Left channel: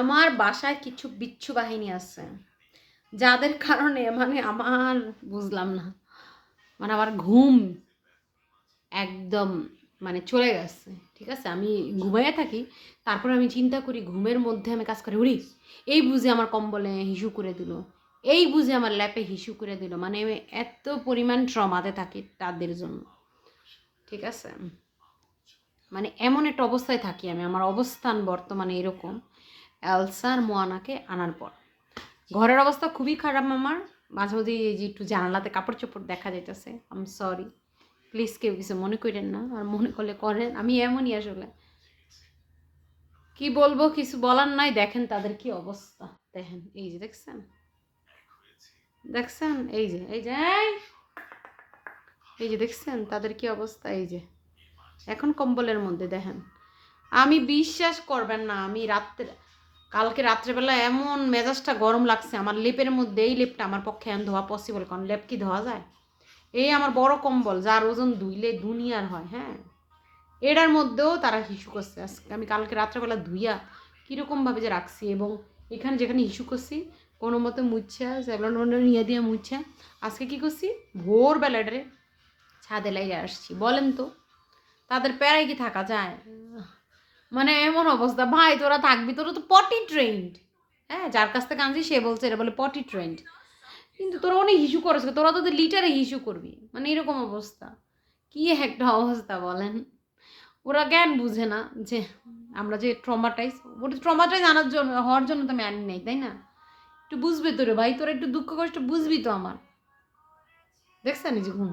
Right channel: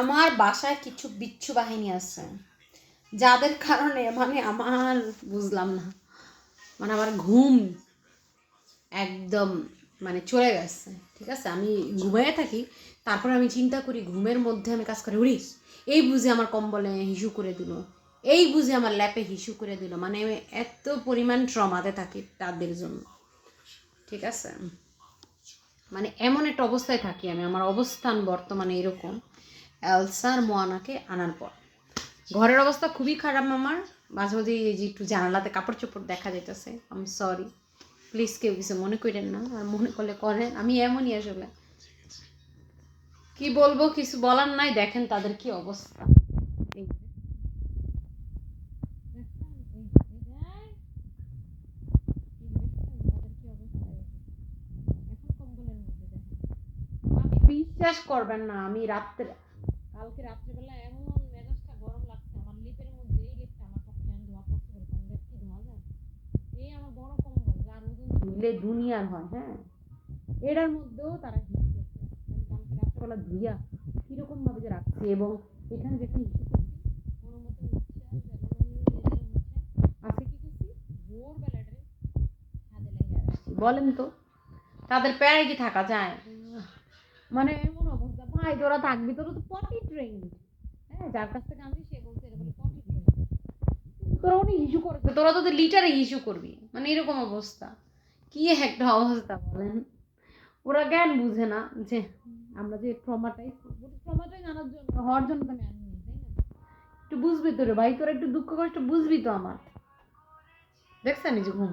আমার বাসায় কিছু বিচ্ছু বাহিনী আছে যাদের কারণে মানে আমার বুঝলাম না, মানে আমার ঘুম একদম মানে চলে গেছে। ঠিক আছে, আমি ঘুমাইয়া থাকি, তারপরে আমি চিন্তা করি ঘুমের মধ্যে আমি কাজ করি, উড়ি এই বুঝে আমার কম্বলে হিসু করে দিল, এই বুঝে আমার ল্যাপে হিসু করে দিল, মানে আমি এত পরিমাণ ট্রমাতে থাকি তাদের জন্য। ঠিক আছে, মানে এমন একটা অবস্থায় থাকি আমি, আমার অবস্থান বর্তমানে এরকম। এলসার মোয়ানাকে আনার পর ঘরের অবস্থা খুবই খারাপ আমার। মাঝে মাঝে এই যে একটু জানালাতে কাপড় চোপড় দেখা যাইতেছে, আমি সরি, প্লিজ কেউ কিছু মনে করেন না, আর মনে করলে করেন, আমি এমনই আসলে কি বলবো, কিছু বলার নাই। দেখেন তাদের কি অবস্থা, দেখেন এই যে দেখছেন, দেখছেন এই যে এই যে এই যে দেখছেন তাদের কি অবস্থা, এই যে এখন কম্বলের মধ্যে দেখেন। আমি বিশ্বাস করবেন না, আমি কালকে রাত্রেবেলা এমন মেজাজটা গরম লাগছে আমার, লেপের মধ্যে এই লেপটা আমার পক্ষে এখন ধোয়া পসিবল, কারণ লেপ কি ধোয়া যায়? এই আমার বড় কম্বল যার ওজন ধুইলে দুনিয়ার হয়, হ্যাঁ, এটার মধ্যেও তারা হিসু করছে আজকে। আমি কালকে রাত্রেবেলা ধুইয়া কীরকমভাবে যে রাখছি, এবং এখানে যেখানে হিসু করছি কোনো মতো মুচ্ছা সেভলন নিয়ে দিয়ে মুচ্ছা আজকে কী করছি, ভোরবেলা এটারে ছাদে লাগিয়ে আসছি। বলেন তো তাদের প্যারায় কি থাকা যায়? মানে এমন অবস্থা, ভাই তোরা থাকবি, তোরা তো পটি ট্রেন্ড, হ্যাঁ, যার কাছ থেকে আনছি সে বলছে এটা বলে পটি ট্রেন্ড, কিন্তু তোরা অনেক হিসু করেছ, তোরা তোদের লিটারে হিসু করবি, মানে এরকম অবস্থা। কি একটা অবস্থা বলেন। ওরা জ্ঞান বুঝে না যে আমরা যে ট্রমাটাইজ, ওটা ট্রমাটাইজ আনার জন্য হওয়ার জন্য তো আমি আনি নাই, তাই না? একটু বুঝবি তো রে ভাই, তোরা একটু দুঃখ কষ্ট বুঝবি তো আমার। দেখছেন এই যে ঘুম